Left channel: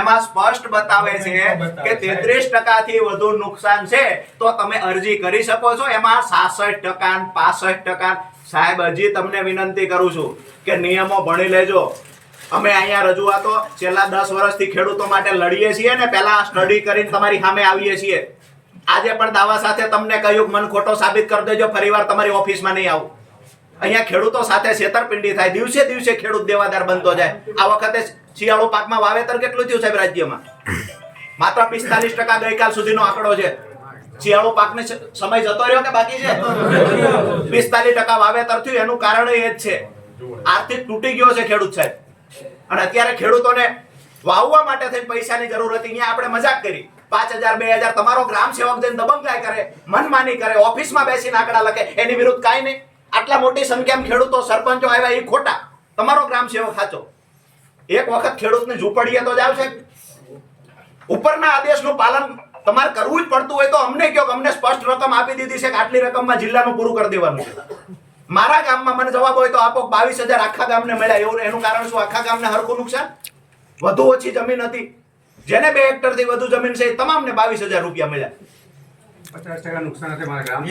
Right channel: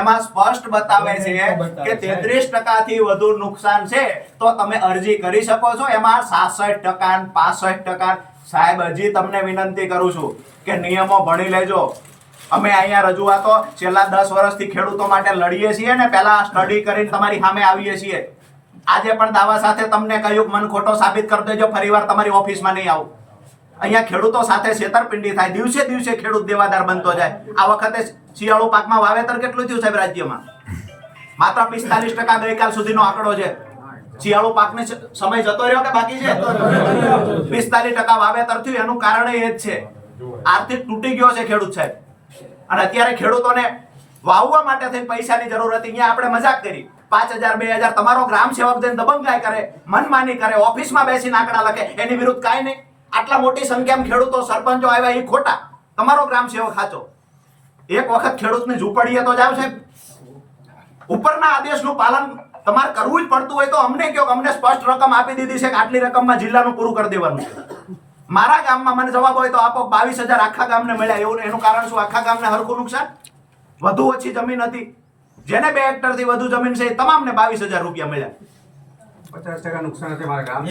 એમાં સ્પષ્ટ બતાવે છે કે 33% થી વધુ નુકસાન છે તો તમે અરજી કરી શકો છો. એમાં 66% 65%. સાહેબ હજી તમને વિનંતી કરું છું કે નિયમો ભણી લેજો. અમે અહીંયા રજૂઆતો છેલ્લા 10 વર્ષથી ખેડૂતો માટે લડીએ છીએ ને પહેલા સ્ટડી કરીને તમારી સામે આવીએ છીએ. આજે પણ દાવા સાથે તમને કહ્યું મન ખોટો સાબિત કરી દેજો, ફરીવાર તમારી ઓફિસમાં નહીં આવું. અહીંયા ખેડૂતો સાથે છેતરપિંડી થાય, દિવસે દિવસે ખેડૂત દેવાદાર બનતો જાય. આ વખતે શિયાળુ પાકમાં વાવેતર કેટલું થયું સાહેબ રાજ્યમાં? માત્ર 45% ગઈકાલ સુધીનો આંકડો છે. શિયાળુ પાકનો સમય જતો રહ્યો કે બાકી છે? 45% વાવેતર થયું. એનું કારણ એ જ છે આર્થિક તૂટી ગયો છે ખેડૂત સાહેબ. અને અત્યારે ખેડૂતોને વાવવા માટે થઈને પૈસાની જરૂર હતી. અહીંયા આપણે મજાક કરી 5000 2000 તમારો ગ્રામ સેવક જઈને દબંગાઈ કરે, મનમાની કરે, ઓફિસમાં બેસીને આંકડા લખે, એની વિરુદ્ધ કાંઈ નહીં. આટલા મોટી સંખ્યામાં ખેડૂતો સરપંચો આવ્યા એ ખોટા, તમારો ગ્રામ સેવક સાચો. એક વખત ખેડૂતની ઝૂંપડીએ તો જાવ છે. ઉપરના આદેશનું પાલન તમારે કરવું જ પડતું હોય તો અમને કહો કે અમને સ્પષ્ટ રકમ આપી દીધી છે કે આટલી રકમમાં જિલ્લાનું પૂરું કરી દેવાનું છે. મારા ગામમાં મને જવાબ હોય તો આપો 22000 આખા ગામને મળ્યા. એવું એનું કારણ શું? આખા ગામને હરખું નુકસાન, વધુ ઓછી જમીન હતી. જેને 2 હેક્ટરથી વધુ જમીન છે એ તમામને 22000 રૂપિયા મળ્યા. 50% નુકસાન છે મારા ગામ.